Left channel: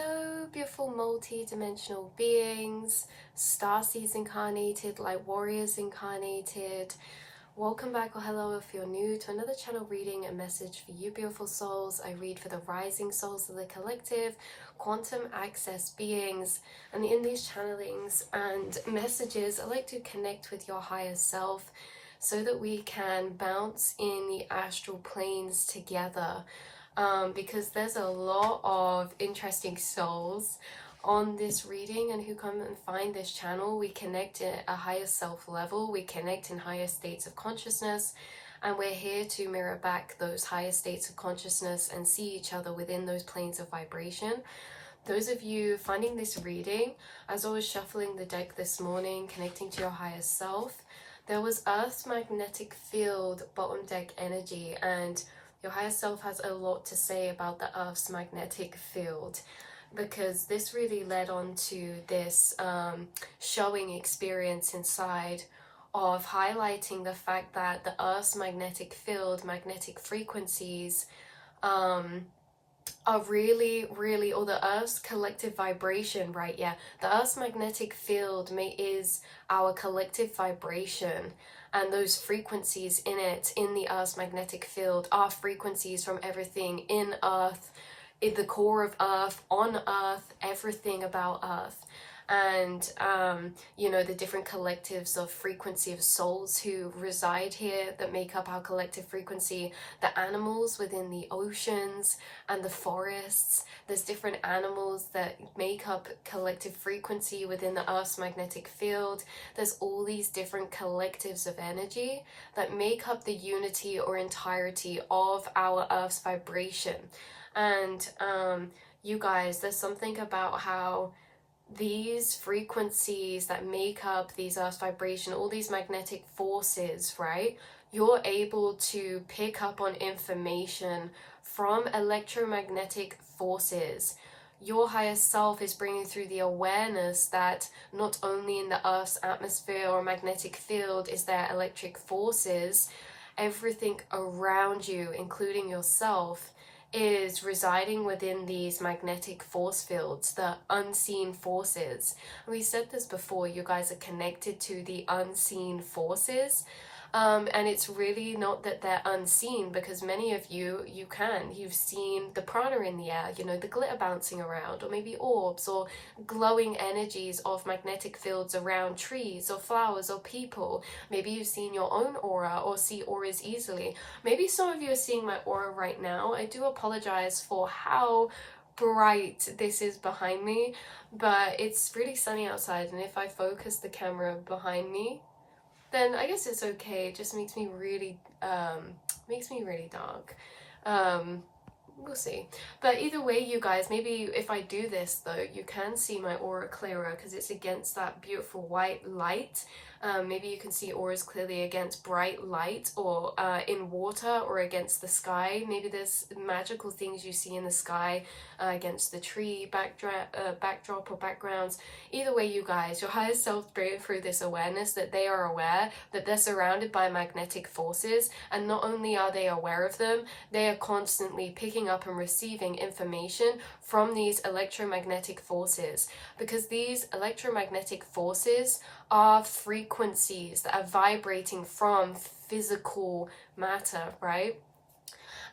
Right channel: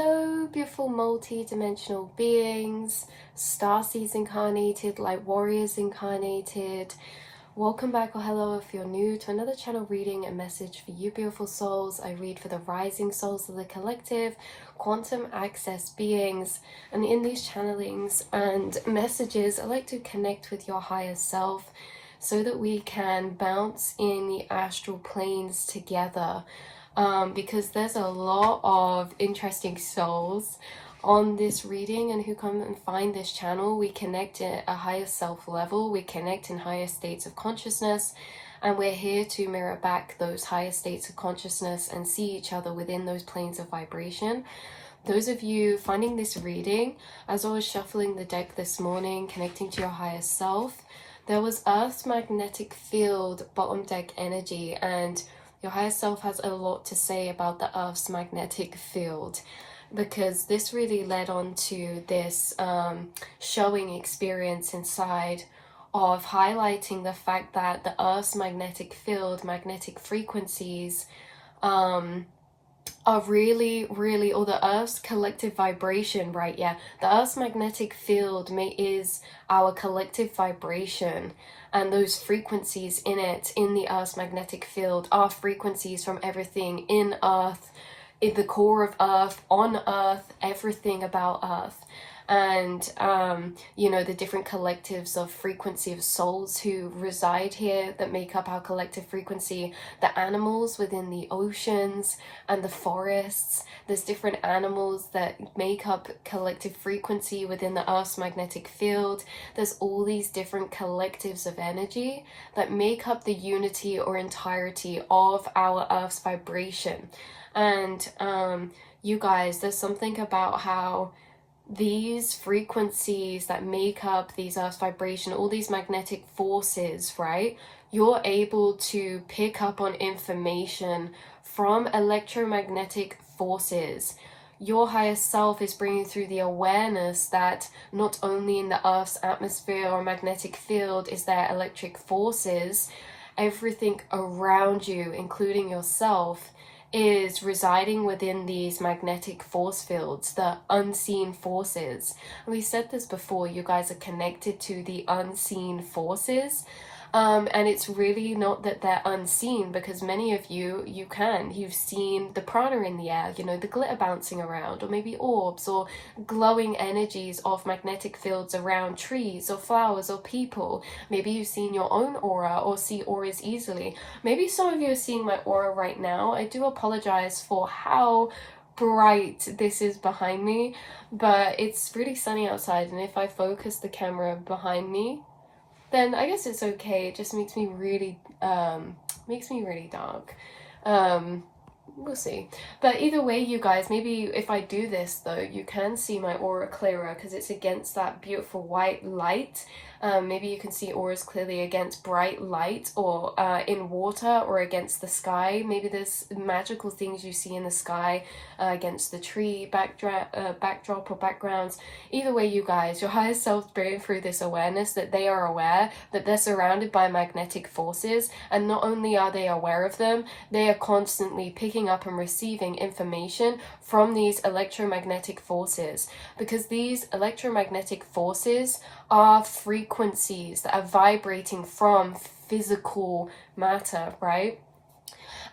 Hello, beautiful multi-dimensional beings, starseeds incarnated, light warriors incarnated. Welcome back, or hello if you're new, to another channel reading and message for you beautiful souls. I read for the rising souls of the collective, quantum access beings, and in these channelings and messages, I like to connect with your higher self so that we can bounce in the astral planes together. Because there's a lot of interesting souls on this reading and who come and find this channel. We connect at a higher self level, we connect in higher states of consciousness, and we're here to mirror back those higher states of consciousness and see each other within those planes of vibration. Those of you finding this reading, as I was shuffling the deck this morning, connecting to your higher self, there was Earth's magnetic field bottom deck energy, and your higher self has a lot to say about the Earth's magnetic field, because this really led on to this showing experience inside of highlighting the fact that the Earth's magnetic field, magnetic frequencies, are really, or the Earth's collective vibration, right? Yeah, the Earth's magnetic field is our collective vibration, and those frequencies in it, in the Earth's magnetic field, are frequencies from everything in Earth, in the core of Earth, on Earth, everything about Earth. And you know, the different collectives of frequency of souls who reside here that make up our collective frequency, the animals within the oceans and the forests. There's different animals that make up collective frequency within the Earth's magnetic field. There's all these different collectives of energy that make up the unity or entirety of our Earth's vibration. And you guys, there's something about how these frequencies that make up these Earth's vibration, all these magnetic forces, right? You're able to pick up on information from electromagnetic forces. Your higher self is bringing through the awareness that not only in the Earth's atmosphere or magnetic field is there electric forces, everything around you, including yourself, is residing within these magnetic force fields, the unseen forces. And we said this before, you guys are connected to the unseen forces. And it's really not that they're unseen, because many of you've seen the prana in the air, you know, the glitter bouncing around, or maybe orbs or glowing energies of magnetic fields around trees or flowers or people. Maybe you've seen your own aura or see auras easily. Maybe some of you are seeing my aura right now. I do apologize for how bright this is behind me, but it's really sunny outside, and if I focus the camera behind me, then I guess it's okay. It just makes me really dark. We'll see. But either way, you guys, maybe if I do this though, you can see my aura clearer because it's against that beautiful white light. Maybe you can see auras clearly against bright light, or in water, or against the sky. Maybe there's magical things you see in the sky against the tree backdrop or backgrounds. Either way, you guys, your higher self bringing through this awareness that they are aware that they're surrounded by magnetic forces, and not only are they aware of them, they are constantly picking up and receiving information from these electromagnetic forces, because these electromagnetic forces are frequencies that are vibrating from physical matter, right?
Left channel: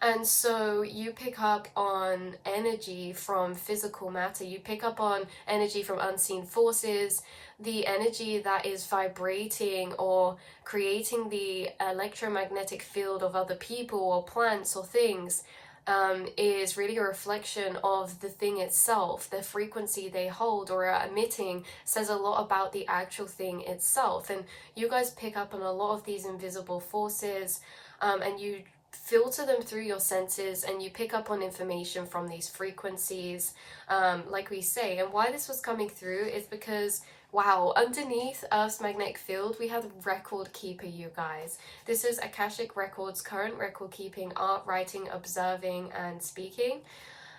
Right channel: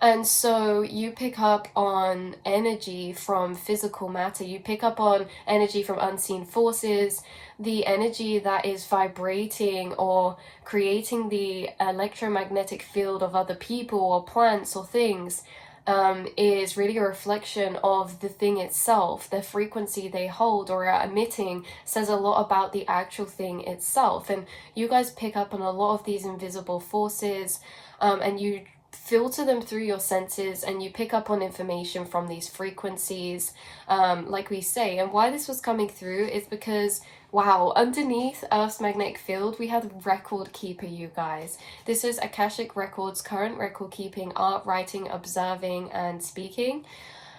And so you pick up on energy from physical matter, you pick up on energy from unseen forces, the energy that is vibrating or creating the electromagnetic field of other people or plants or things. Is really a reflection of the thing itself. The frequency they hold or are emitting says a lot about the actual thing itself. And you guys pick up on a lot of these invisible forces, and you filter them through your senses, and you pick up on information from these frequencies, like we say. And why this was coming through is because, wow, underneath Earth's magnetic field, we have record keeper, you guys. This is Akashic Records, current record keeping, art, writing, observing, and speaking.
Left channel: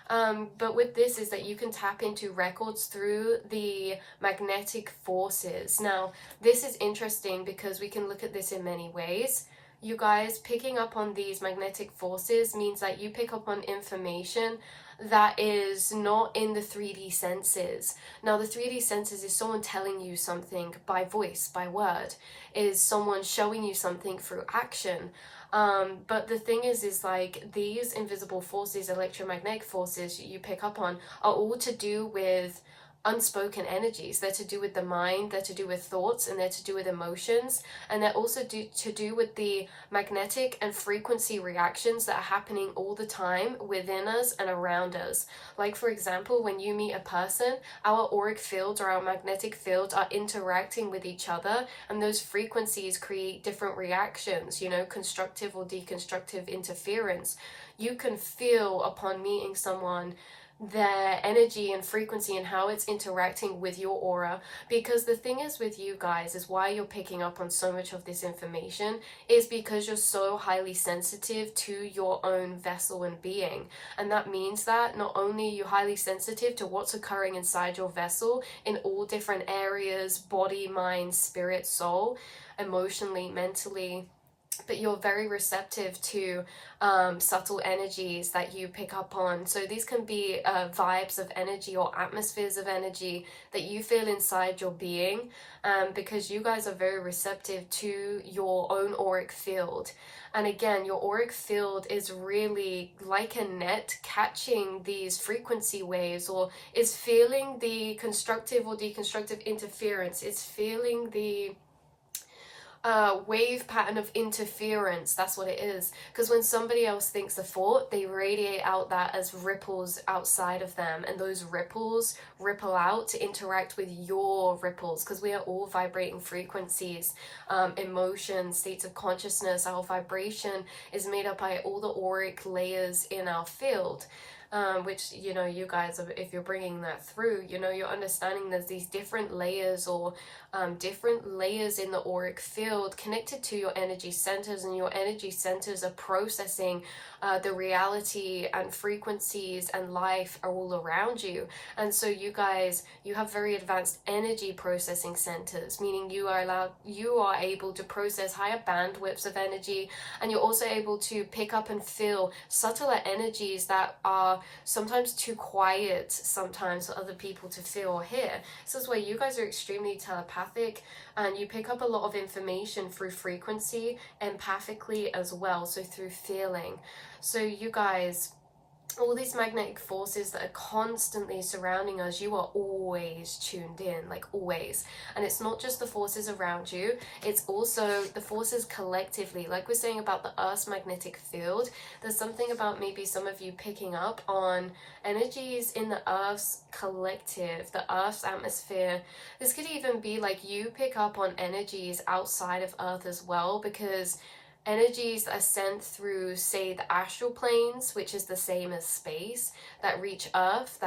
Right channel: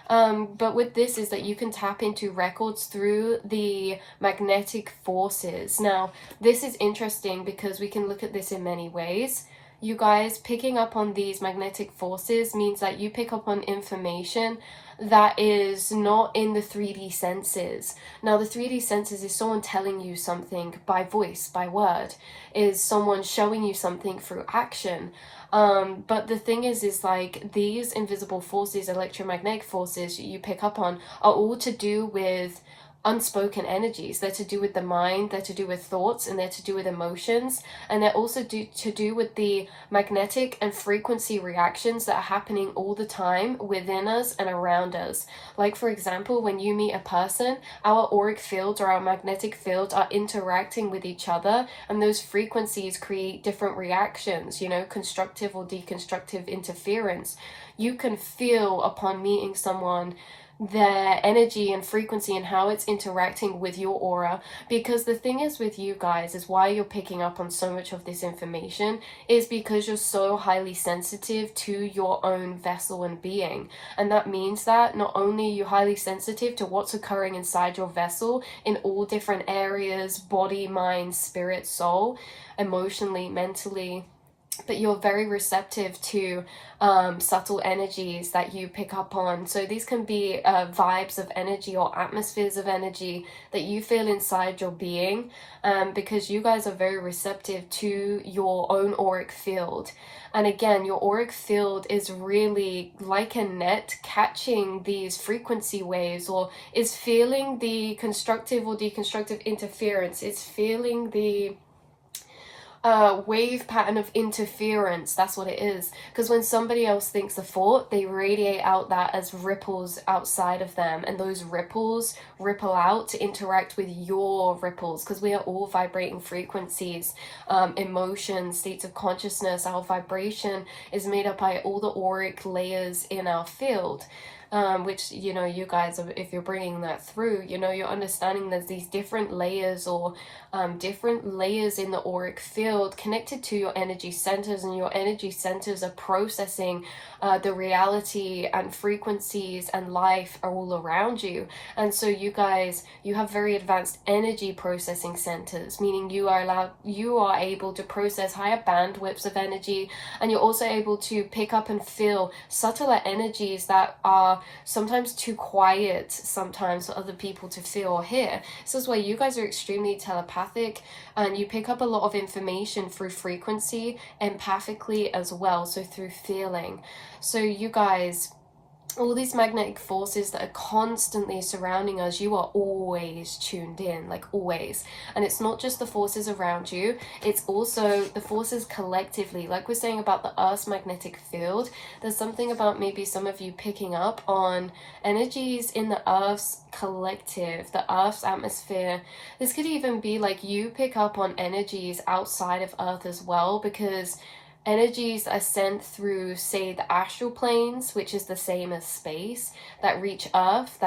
But with this is that you can tap into records through the magnetic forces. Now, this is interesting because we can look at this in many ways. You guys, picking up on these magnetic forces means that you pick up on information that is not in the 3D senses. Now, the 3D senses is someone telling you something by voice, by word, is someone showing you something through action. But the thing is like these invisible forces, electromagnetic forces you pick up on, are all to do with unspoken energies. They're to do with the mind, they're to do with thoughts, and they're to do with emotions, and they're also to do with the magnetic and frequency reactions that are happening all the time within us and around us. Like, for example, when you meet a person, our auric fields or our magnetic fields are interacting with each other, and those frequencies create different reactions, you know, constructive or deconstructive interference. You can feel upon meeting someone their energy and frequency and how it's interacting with your aura, because the thing is with you guys is why you're picking up on so much of this information is because you're so highly sensitive to your own vessel and being. And that means that not only are you highly sensitive to what's occurring inside your vessel in all different areas, body, mind, spirit, soul, emotionally, mentally, but you're very receptive to subtle energies that you pick up on. So these can be vibes of energy or atmospheres of energy that you feel inside your being, because you guys are very receptive to your own auric field. And again, your auric field is really like a net catching these frequency waves, or is feeling the constructive or deconstructive interference. It's feeling the wave pattern of interference. That's what it is. Because when somebody else thinks a thought, they radiate out that as ripples outside of them, and those ripples ripple out to interact with your ripples, because we are all vibrating frequencies, emotions, states of consciousness. Our vibration is made up by all the auric layers in our field. Which, you know, you guys, if you're bringing that through, you know, you're understanding there's these different layers, or different layers in the auric field connected to your energy centers, and your energy centers are processing the reality and frequencies and life are all around you. And so you guys, you have very advanced energy processing centers, meaning you are able to process higher bandwidths of energy, and you're also able to pick up and feel subtler energies that are sometimes too quiet sometimes for other people to feel or hear. So that's why you guys are extremely telepathic, and you pick up a lot of information through frequency, empathically as well, so through feeling. So you guys, all these magnetic forces that are constantly surrounding us, you are always tuned in, like always. And it's not just the forces around you, it's also the forces collectively. Like we're saying about the Earth's magnetic field, there's something about maybe some of you picking up on energies in the Earth's collective, the Earth's atmosphere. This could even be like you pick up on energies outside of Earth as well, because energies are sent through, say, the astral planes, which is the same as space, that reach Earth,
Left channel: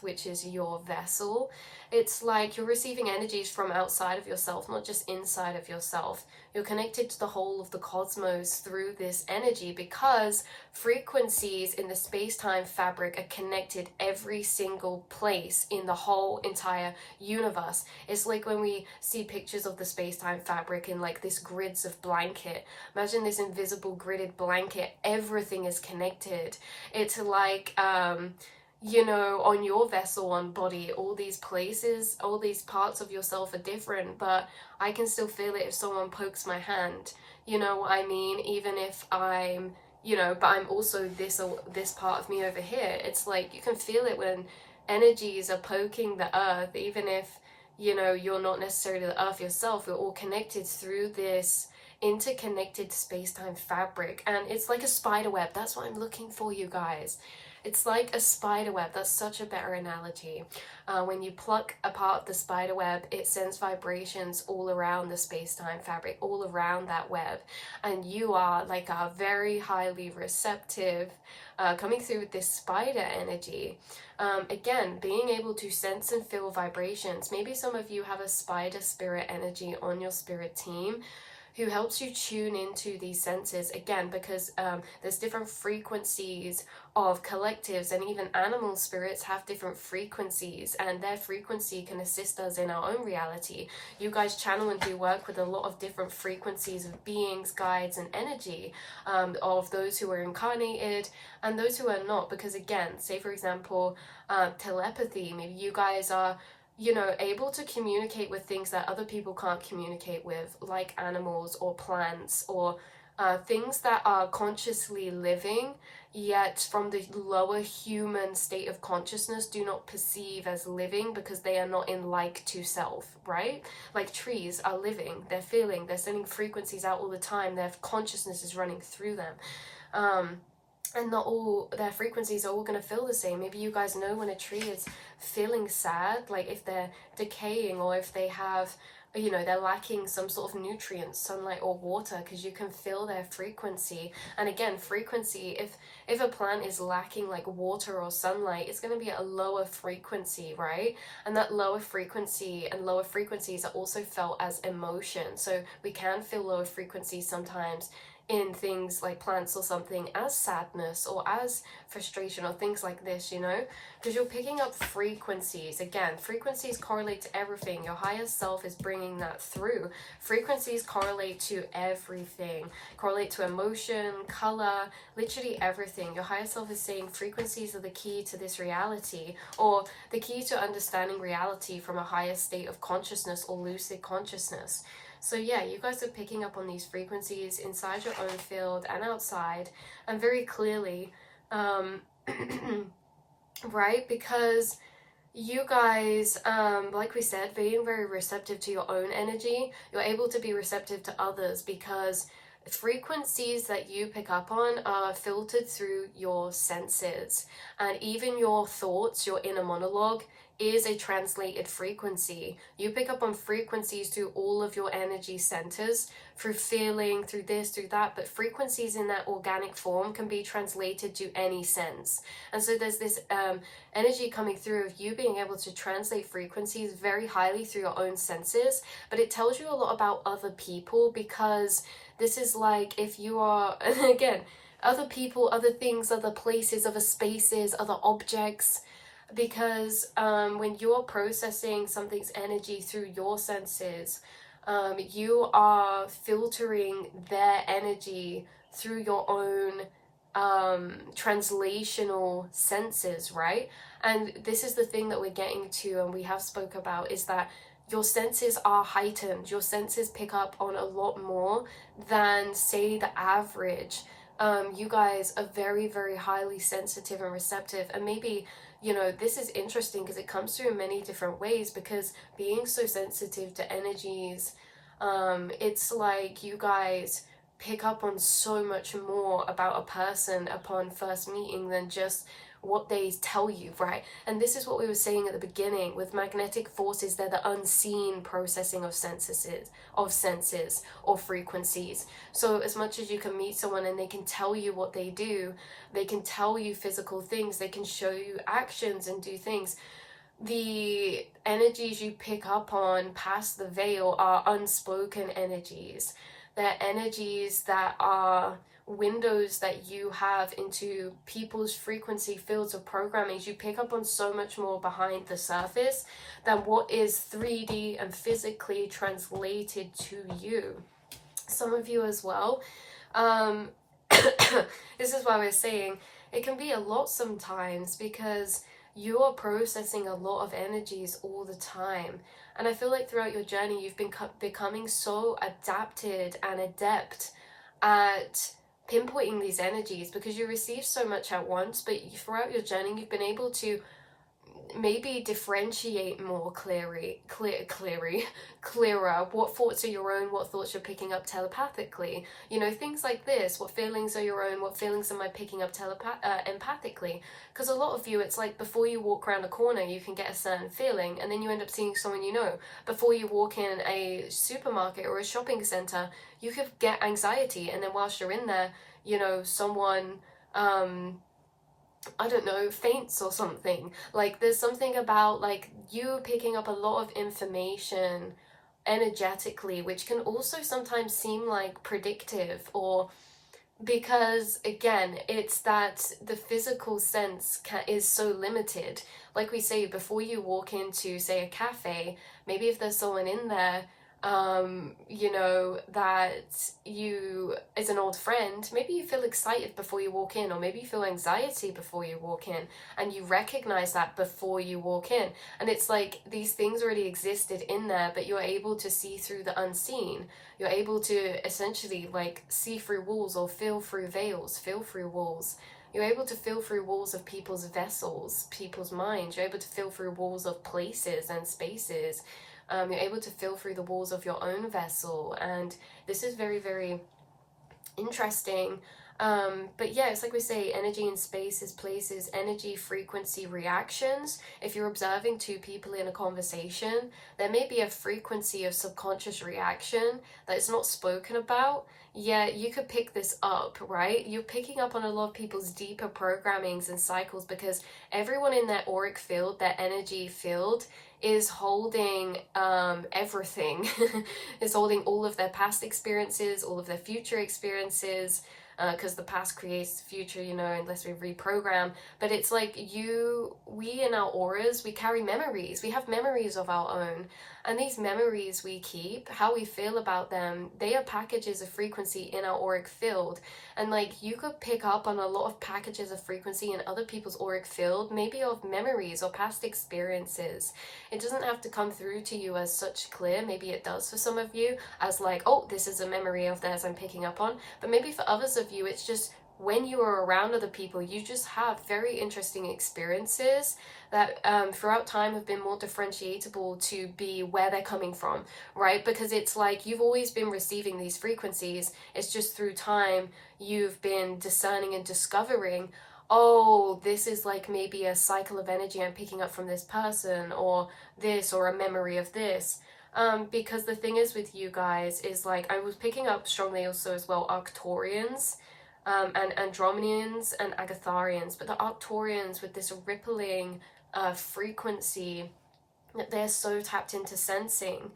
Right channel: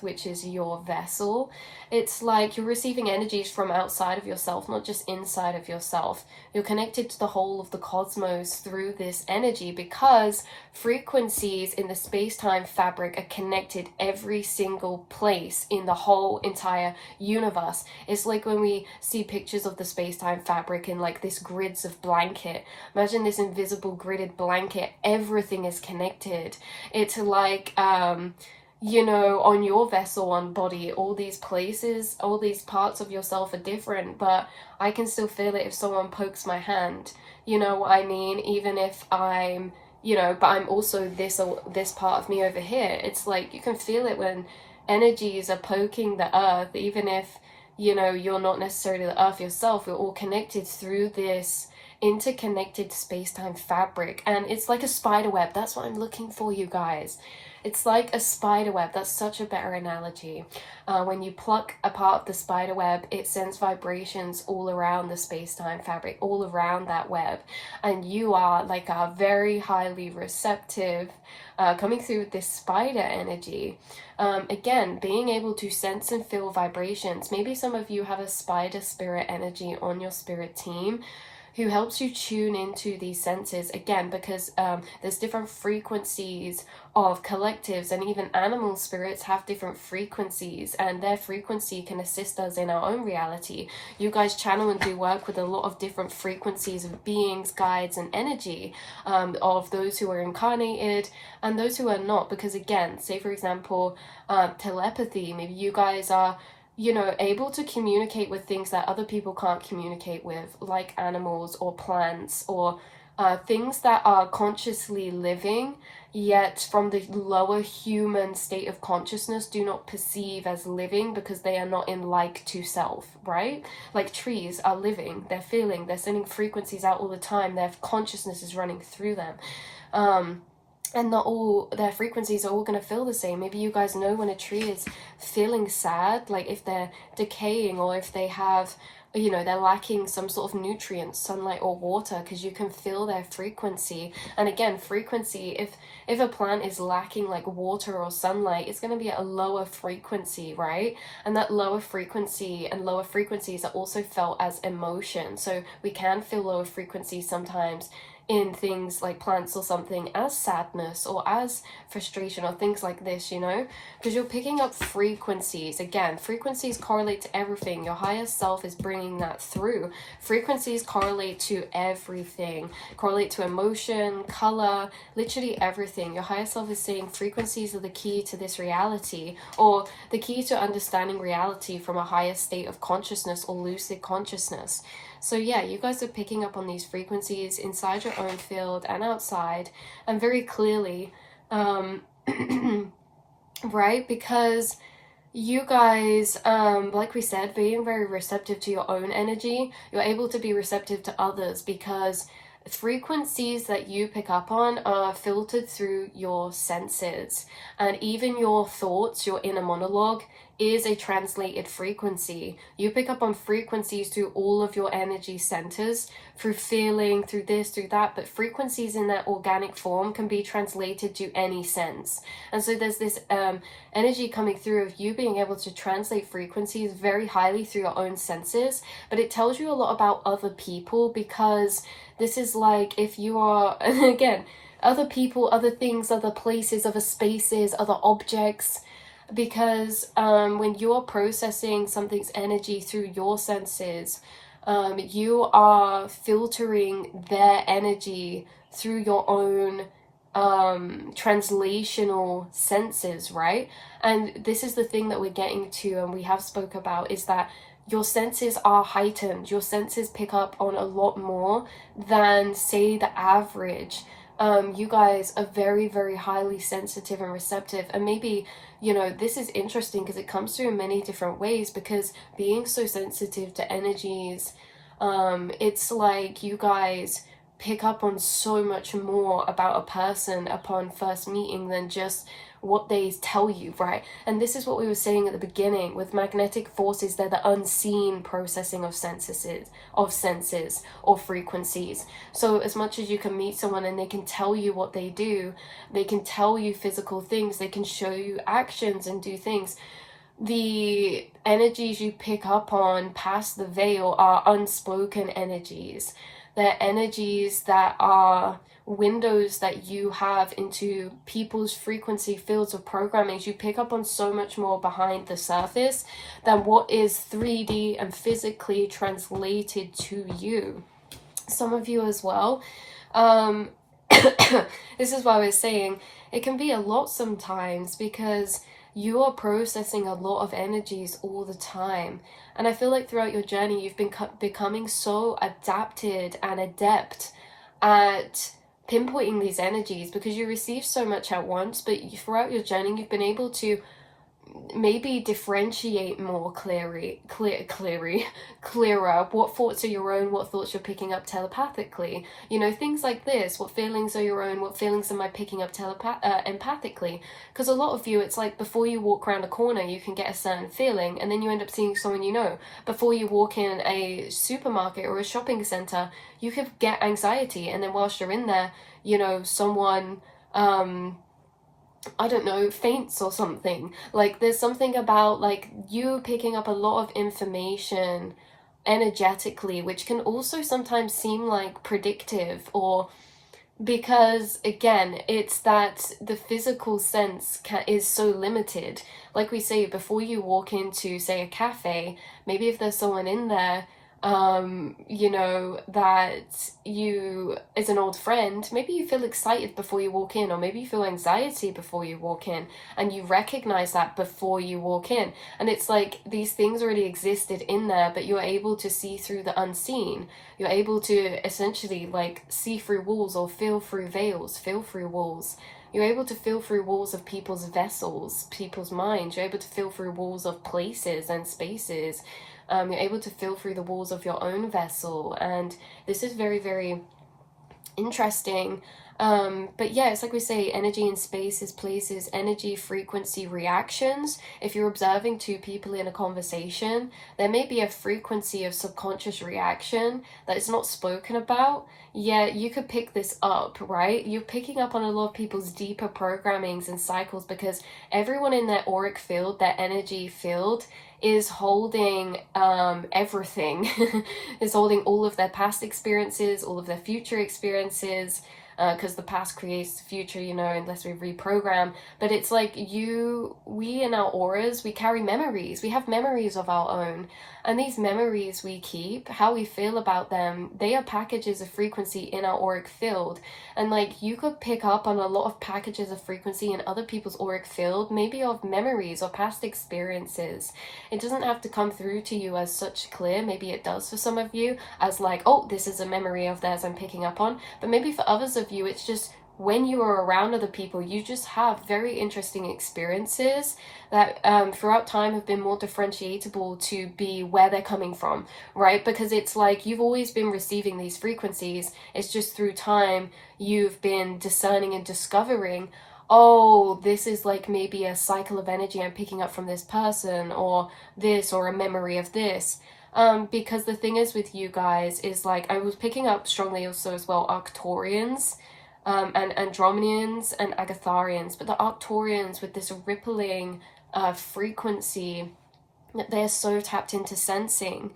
which is your vessel. It's like you're receiving energies from outside of yourself, not just inside of yourself. You're connected to the whole of the cosmos through this energy, because frequencies in the space-time fabric are connected every single place in the whole entire universe. It's like when we see pictures of the space-time fabric in like this grids of blanket. Imagine this invisible gridded blanket. Everything is connected. It's like you know, on your vessel, on body, all these places, all these parts of yourself are different, but I can still feel it if someone pokes my hand. You know what I mean? Even if I'm, you know, but I'm also this part of me over here. It's like you can feel it when energies are poking the earth, even if, you know, you're not necessarily the earth yourself. We're all connected through this interconnected space-time fabric, and it's like a spider web. That's what I'm looking for, you guys. It's like a spider web. That's such a better analogy. When you pluck apart the spider web, it sends vibrations all around the space-time fabric, all around that web. And you are like a very highly receptive, coming through with this spider energy. Again, being able to sense and feel vibrations. Maybe some of you have a spider spirit energy on your spirit team, who helps you tune into these senses, again, because there's different frequencies of collectives, and even animal spirits have different frequencies, and their frequency can assist us in our own reality. You guys channel and do work with a lot of different frequencies of beings, guides, and energy, of those who are incarnated and those who are not, because again, say for example, telepathy, maybe you guys are, you know, able to communicate with things that other people can't communicate with, like animals or plants, or things that are consciously living, yet from the lower human state of consciousness do not perceive as living because they are not in like to self, right? Like trees are living, they're feeling, they're sending frequencies out all the time, their consciousness is running through them. And not all their frequencies are all going to feel the same. Maybe you guys know when a tree is feeling sad, like if they're decaying, or if they have, you know, they're lacking some sort of nutrients, sunlight or water, because you can feel their frequency. And again, frequency, if a plant is lacking like water or sunlight, it's going to be at a lower frequency, right? And that lower frequency and lower frequencies are also felt as emotion. So we can feel lower frequencies sometimes in things like plants or something as sadness or as frustration or things like this, you know, because you're picking up frequencies. Again, frequencies correlate to everything. Your higher self is bringing that through. Frequencies correlate to everything, correlate to emotion, color, literally everything. Your higher self is saying frequencies are the key to this reality, or the key to understanding reality from a higher state of consciousness or lucid consciousness. So yeah, you guys are picking up on these frequencies inside your own field and outside, and very clearly, right? Because you guys, like we said, being very receptive to your own energy, you're able to be receptive to others, because frequencies that you pick up on are filtered through your senses, and even your thoughts, your inner monologue, is a translated frequency. You pick up on frequencies through all of your energy centers, through feeling, through this, through that, but frequencies in that organic form can be translated to any sense. And so there's this energy coming through of you being able to translate frequencies very highly through your own senses, but it tells you a lot about other people, because this is like if you are, again, other people, other things, other places, other spaces, other objects, because when you're processing something's energy through your senses, you are filtering their energy through your own translational senses, right? And this is the thing that we're getting to, and we have spoke about, is that your senses are heightened. Your senses pick up on a lot more than, say, the average. You guys are very, very highly sensitive and receptive, and maybe, you know, this is interesting because it comes through in many different ways, because being so sensitive to energies, it's like you guys pick up on so much more about a person upon first meeting than just what they tell you, right? And this is what we were saying at the beginning with magnetic forces. They're the unseen processing of senses or frequencies. So as much as you can meet someone and they can tell you what they do, they can tell you physical things, they can show you actions and do things, the energies you pick up on past the veil are unspoken energies. They're energies that are windows that you have into people's frequency fields of programming. You pick up on so much more behind the surface than what is 3D and physically translated to you. Some of you as well. This is why I was saying it can be a lot sometimes, because you are processing a lot of energies all the time. And I feel like throughout your journey, you've been becoming so adapted and adept at pinpointing these energies, because you receive so much at once, but throughout your journey, you've been able to maybe differentiate more clearer what thoughts are your own, what thoughts you're picking up telepathically, you know, things like this. What feelings are your own, what feelings am I picking up empathically? Because a lot of you, it's like before you walk around a corner you can get a certain feeling, and then you end up seeing someone you know. Before you walk in a supermarket or a shopping center, you could get anxiety, and then whilst you're in there, you know, someone I don't know, faints or something. Like there's something about like you picking up a lot of information energetically, which can also sometimes seem like predictive, or because again, it's that the physical sense is so limited. Like we say, before you walk into, say, a cafe, maybe if there's someone in there, you know, that you is an old friend, maybe you feel excited before you walk in, or maybe you feel anxiety before you walk in, and you recognize that before you walk in. And it's like these things already existed in there, but you're able to see through the unseen. You're able to essentially like see through walls, or feel through veils, feel through walls. You're able to feel through walls of people's vessels, people's minds. You're able to feel through walls of places and spaces. You're able to feel through the walls of your own vessel. And this is very, very interesting. But yeah, it's like we say, energy in spaces, places, energy, frequency, reactions. If you're observing two people in a conversation, there may be a frequency of subconscious reaction that is not spoken about. Yeah, you could pick this up, right? You're picking up on a lot of people's deeper programmings and cycles, because everyone in their auric field, their energy field, is holding everything. Is holding all of their past experiences, all of their future experiences, because the past creates the future, you know, unless we reprogram. But it's like we in our auras, we carry memories. We have memories of our own. And these memories we keep, how we feel about them, they are packages of frequency in our auric field. And like you could pick up on a lot of packages of frequency in other people's auric field, maybe of memories or past experiences. It doesn't have to come through to you as such clear. Maybe it does for some of you, as like, oh, this is a memory of theirs I'm picking up on. But maybe for others of you, it's just when you are around other people, you just have very interesting experiences that throughout time have been more differentiable to be where they're coming from, right? Because it's like you've always been receiving these frequencies. It's just through time you've been discerning and discovering, oh, this is like maybe a cycle of energy I'm picking up from this person, or this, or a memory of this. Because the thing is with you guys is like I was picking up strongly also as well Arcturians, and Andromedians and Agatharians, but the Arcturians with this rippling frequency that they're so tapped into sensing,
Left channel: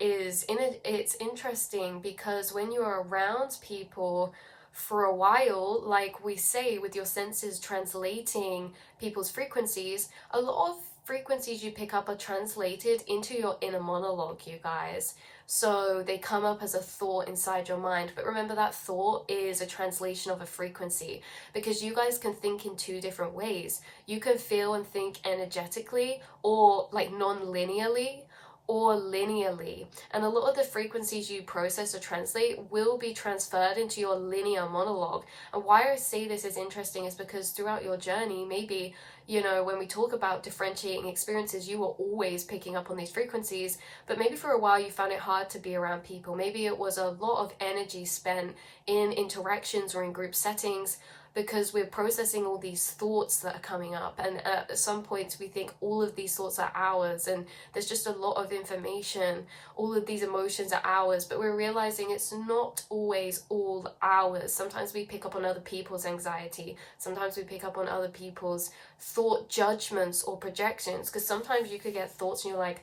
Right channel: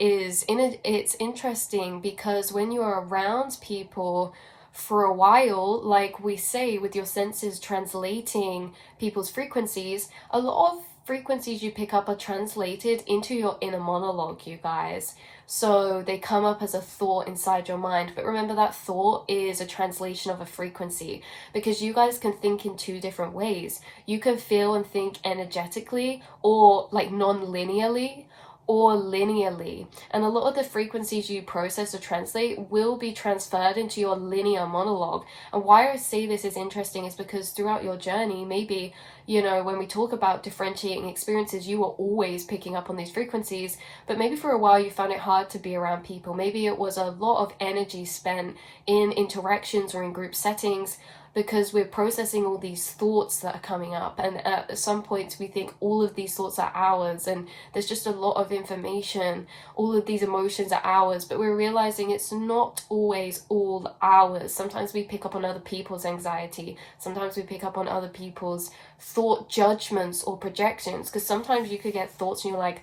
it's interesting because when you're around people for a while, like we say, with your senses translating people's frequencies, a lot of frequencies you pick up are translated into your inner monologue, you guys. So they come up as a thought inside your mind, but remember that thought is a translation of a frequency, because you guys can think in two different ways. You can feel and think energetically, or like non-linearly, or linearly. And a lot of the frequencies you process or translate will be transferred into your linear monologue. And why I say this is interesting is because throughout your journey, maybe, you know, when we talk about differentiating experiences, you were always picking up on these frequencies, but maybe for a while you found it hard to be around people. Maybe it was a lot of energy spent in interactions or in group settings, because we're processing all these thoughts that are coming up, and at some points we think all of these thoughts are ours, and there's just a lot of information, all of these emotions are ours, but we're realizing it's not always all ours. Sometimes we pick up on other people's anxiety, sometimes we pick up on other people's thought judgments or projections, because sometimes you could get thoughts and you're like,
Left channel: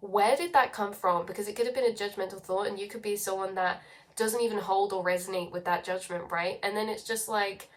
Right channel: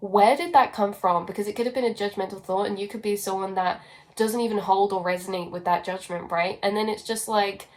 where did that come from? Because it could have been a judgmental thought, and you could be someone that doesn't even hold or resonate with that judgment, right? And then it's just like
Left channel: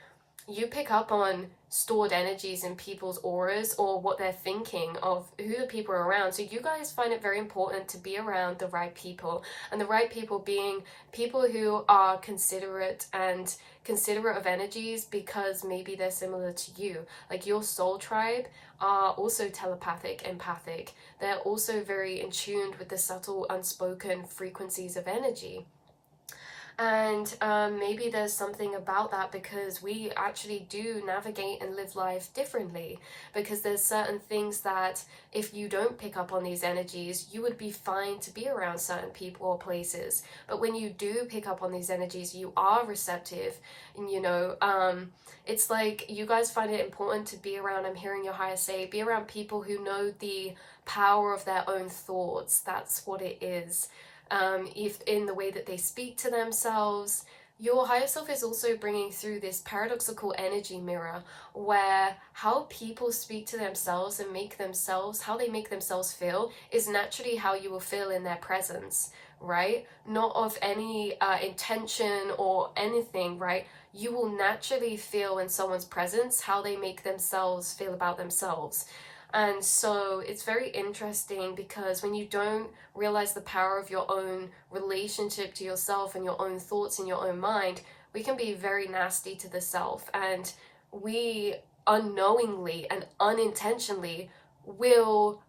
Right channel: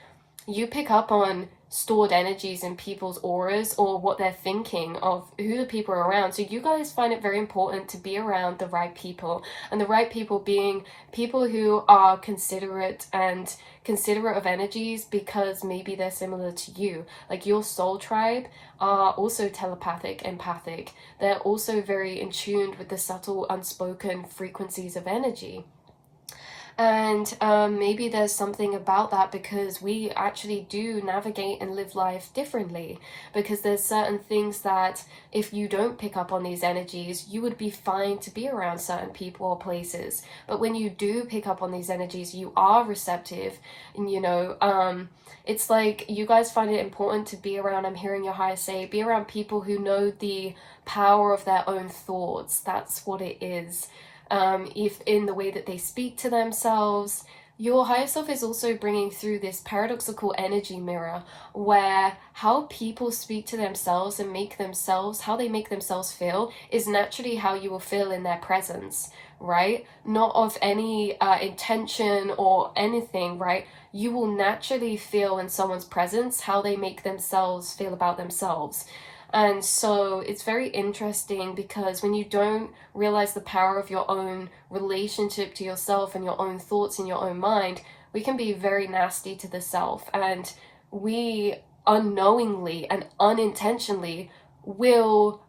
you pick up on stored energies in people's auras, or what they're thinking of who the people are around. So you guys find it very important to be around the right people, and the right people being people who are considerate of energies, because maybe they're similar to you. Like your soul tribe are also telepathic, empathic. They're also very in tune with the subtle unspoken frequencies of energy. And maybe there's something about that, because we actually do navigate and live life differently, because there's certain things that if you don't pick up on these energies, you would be fine to be around certain people or places. But when you do pick up on these energies, you are receptive, and you know, it's like you guys find it important to be around, I'm hearing your higher say, be around people who know the power of their own thoughts. That's what it is. If in the way that they speak to themselves, Your higher self is also bringing through this paradoxical energy mirror where how people speak to themselves and make themselves, how they make themselves feel, is naturally how you will feel in their presence, right? Not of any intention or anything, right? You will naturally feel in someone's presence how they make themselves feel about themselves. And so it's very interesting because when you don't realize the power of your own relationship to yourself and your own thoughts in your own mind, we can be very nasty to the self. And we unknowingly and unintentionally will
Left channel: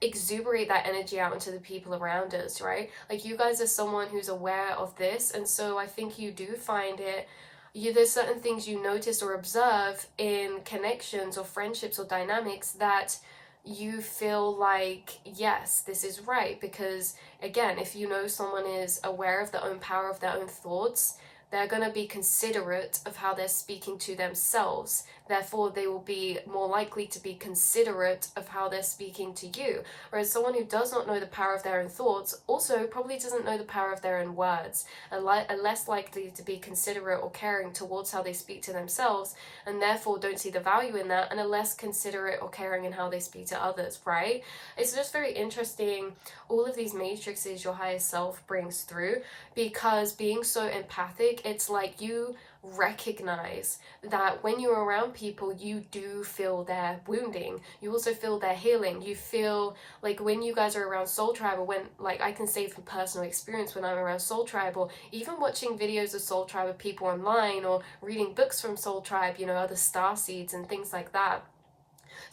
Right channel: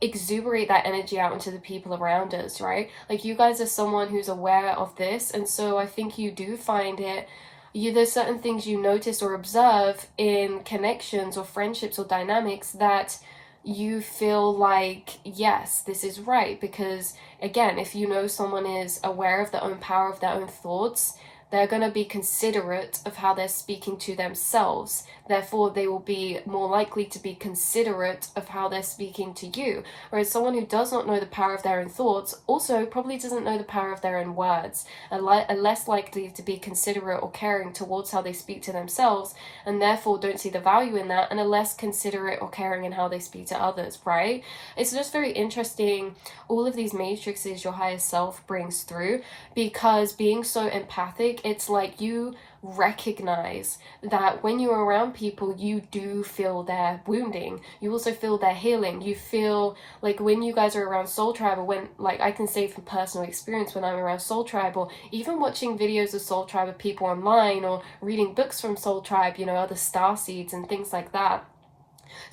exuberate that energy out into the people around us, right? Like you guys are someone who's aware of this, and so I think you do find it, there's certain things you notice or observe in connections or friendships or dynamics that you feel like, yes, this is right. Because again, if you know someone is aware of their own power, of their own thoughts, they're going to be considerate of how they're speaking to themselves. Therefore, they will be more likely to be considerate of how they're speaking to you. Whereas someone who does not know the power of their own thoughts also probably doesn't know the power of their own words, and are less likely to be considerate or caring towards how they speak to themselves, and therefore don't see the value in that, and are less considerate or caring in how they speak to others, right? It's just very interesting, all of these matrices your higher self brings through, because being so empathic, it's like you recognize that when you're around people, you do feel their wounding. You also feel their healing. You feel like when you guys are around Soul Tribe, or when, like, I can say from personal experience, when I'm around Soul Tribe, or even watching videos of Soul Tribe of people online, or reading books from Soul Tribe, you know, other star seeds and things like that,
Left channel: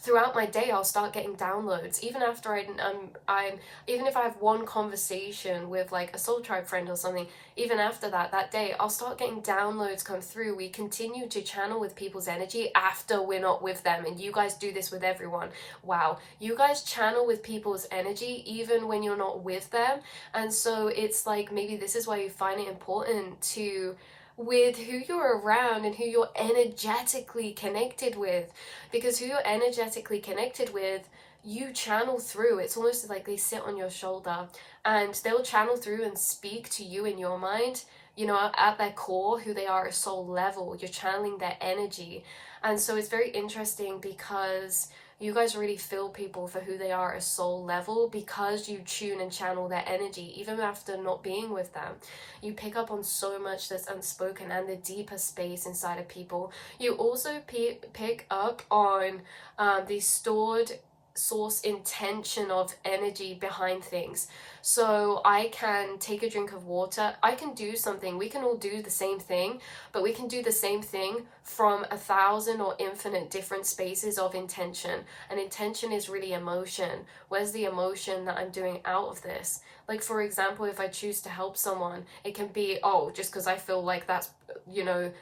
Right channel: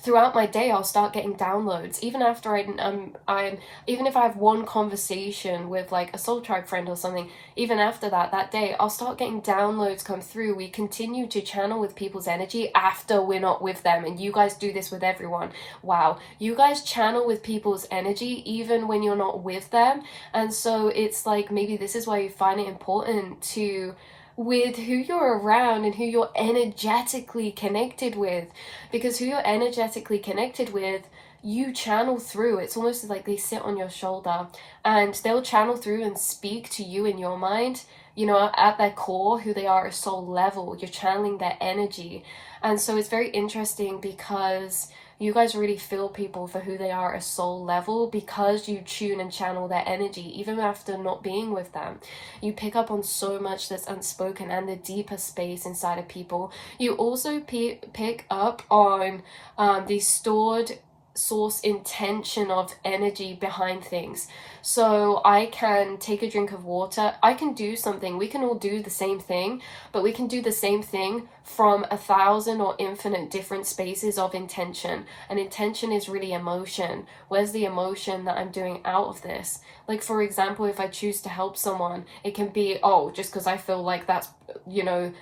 throughout my day I'll start getting downloads. Even after I'm even if I have one conversation with like a Soul Tribe friend or something, even after that day I'll start getting downloads come through. We continue to channel with people's energy after we're not with them, and you guys do this with everyone. Wow, you guys channel with people's energy even when you're not with them. And so it's like, maybe this is why you find it important to, with who you're around and who you're energetically connected with, because who you're energetically connected with, you channel through. It's almost like they sit on your shoulder and they'll channel through and speak to you in your mind. You know, at their core, who they are at soul level, you're channeling their energy. And so it's very interesting because you guys really feel people for who they are at soul level, because you tune and channel their energy even after not being with them. You pick up on so much that's unspoken and the deeper space inside of people. You also pick up on the stored source intention of energy behind things. So I can take a drink of water, I can do something, we can all do the same thing, but we can do the same thing from 1,000 or infinite different spaces of intention. And intention is really emotion. Where's the emotion that I'm doing out of this? Like, for example, if I choose to help someone, it can be, oh, just because I feel like that's, you know,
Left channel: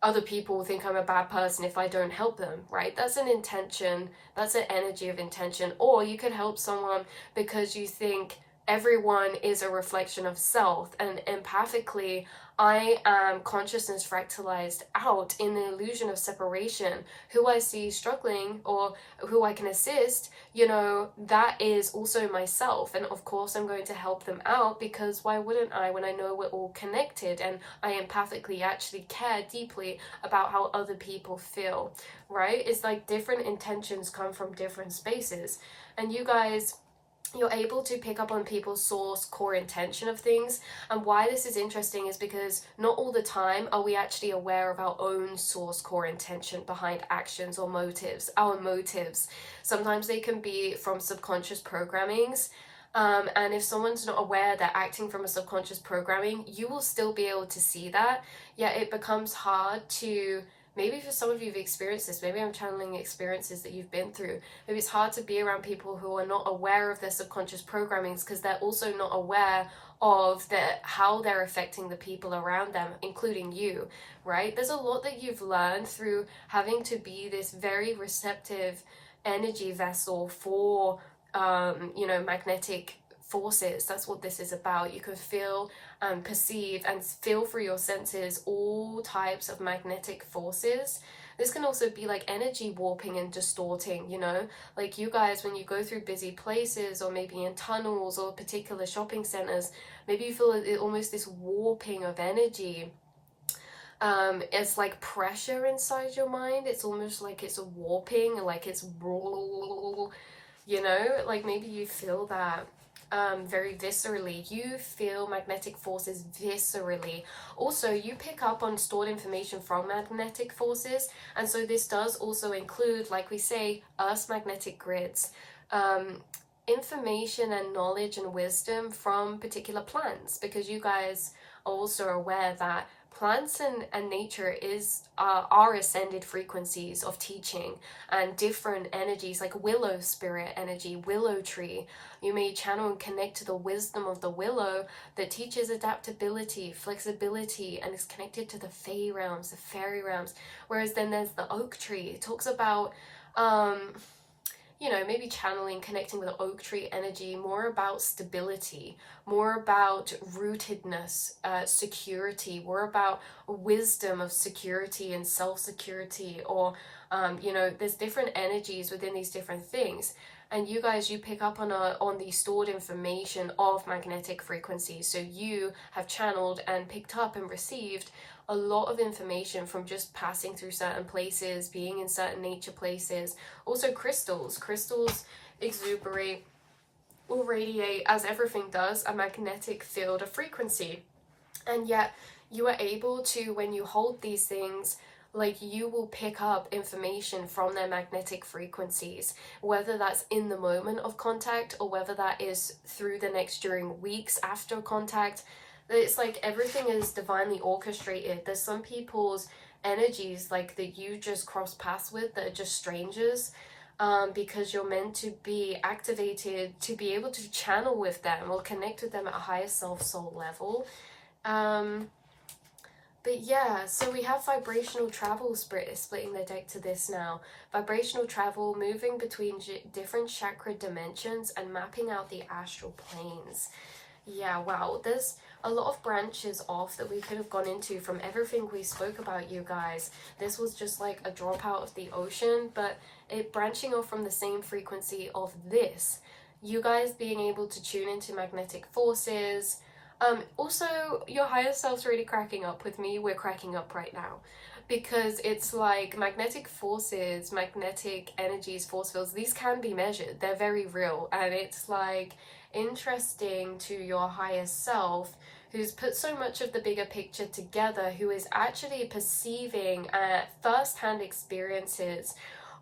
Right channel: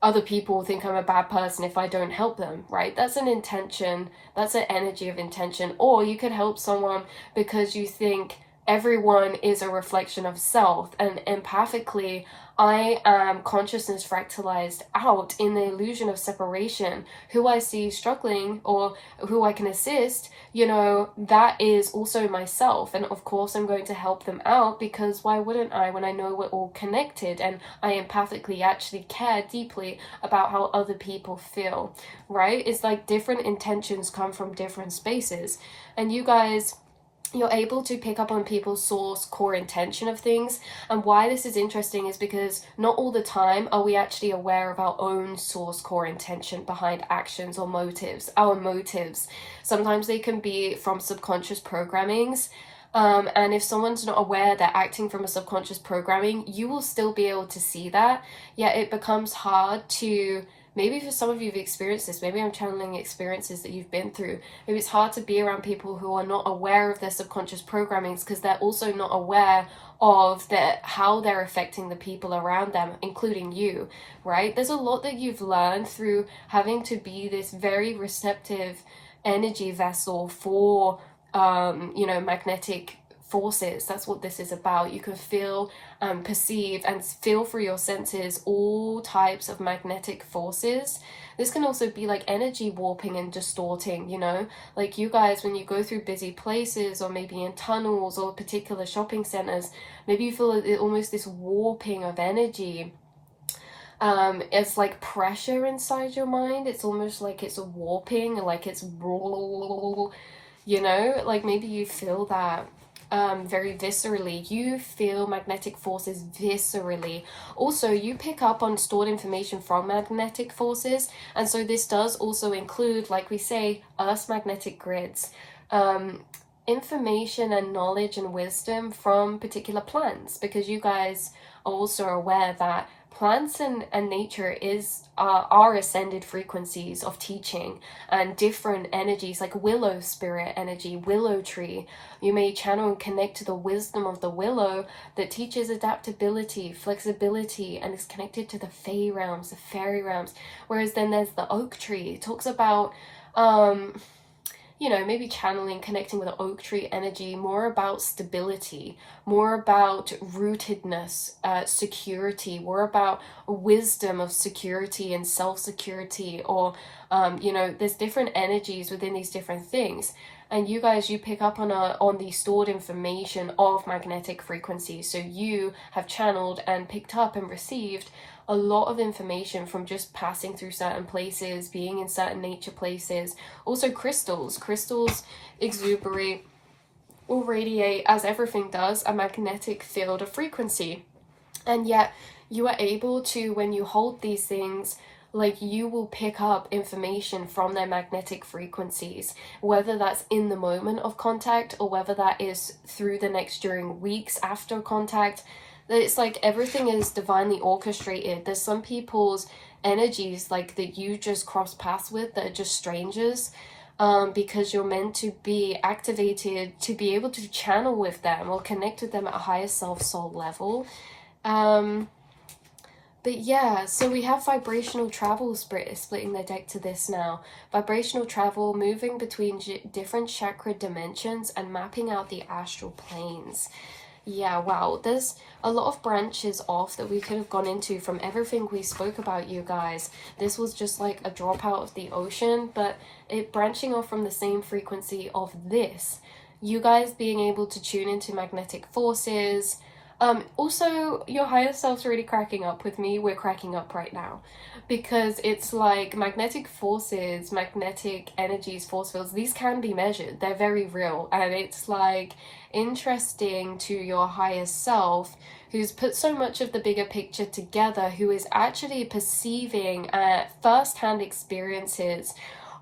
other people think I'm a bad person if I don't help them, right? That's an intention, that's an energy of intention. Or you could help someone because you think everyone is a reflection of self, and empathically, I am consciousness fractalized out in the illusion of separation. Who I see struggling or who I can assist, you know, that is also myself. And of course, I'm going to help them out, because why wouldn't I, when I know we're all connected and I empathically actually care deeply about how other people feel, right? It's like different intentions come from different spaces. And you guys, you're able to pick up on people's source core intention of things. And why this is interesting is because not all the time are we actually aware of our own source core intention behind actions or motives. Our motives, sometimes they can be from subconscious programmings. And if someone's not aware they're acting from a subconscious programming, you will still be able to see that. Yet it becomes hard to, maybe for some of you have experienced this, maybe I'm channeling experiences that you've been through. Maybe it's hard to be around people who are not aware of their subconscious programmings, because they're also not aware of how they're affecting the people around them, including you, right? There's a lot that you've learned through having to be this very receptive energy vessel for, you know, magnetic forces. That's what this is about. You can feel perceive and feel through your senses all types of magnetic forces This can also be like energy warping and distorting, you know, like you guys, when you go through busy places or maybe in tunnels or particular shopping centers, maybe you feel almost this warping of energy. It's like pressure inside your mind. It's almost like it's a warping, like it's, you know, like maybe you feel that very viscerally. You feel magnetic forces viscerally. Also, you pick up on stored information from magnetic forces, and so this does also include, like we say, Earth's magnetic grids. Information and knowledge and wisdom from particular plants, because you guys are also aware that plants and nature are ascended frequencies of teaching and different energies, like willow spirit energy, willow tree. You may channel and connect to the wisdom of the willow that teaches adaptability, flexibility, and is connected to the fey realms, the fairy realms. Whereas then there's the oak tree. It talks about you know, maybe channeling, connecting with the oak tree energy, more about stability, more about rootedness, security, more about wisdom of security and self-security, or, you know, there's different energies within these different things. And you guys, you pick up on the stored information of magnetic frequencies. So you have channeled and picked up and received a lot of information from just passing through certain places, being in certain nature places. Also crystals exuberate or radiate, as everything does, a magnetic field of frequency. And yet you are able to, when you hold these things, like you will pick up information from their magnetic frequencies, whether that's in the moment of contact or whether that is through the next during weeks after contact. It's like everything is divinely orchestrated. There's some people's energies like that you just cross paths with that are just strangers, because you're meant to be activated to be able to channel with them or connect with them at a higher self-soul level. But yeah, so we have vibrational travel splitting the deck to this now. Vibrational travel, moving between different chakra dimensions and mapping out the astral planes. Yeah, wow, there's a lot of branches off that we could have gone into from everything we spoke about, you guys. This was just like a drop out of the ocean, but it branching off from the same frequency of this. You guys being able to tune into magnetic forces. Also, your higher self's already cracking up with me. We're cracking up right now. Because it's like magnetic forces, magnetic energies, force fields, these can be measured. They're very real. And it's like interesting to your higher self, who's put so much of the bigger picture together, who is actually perceiving first-hand experiences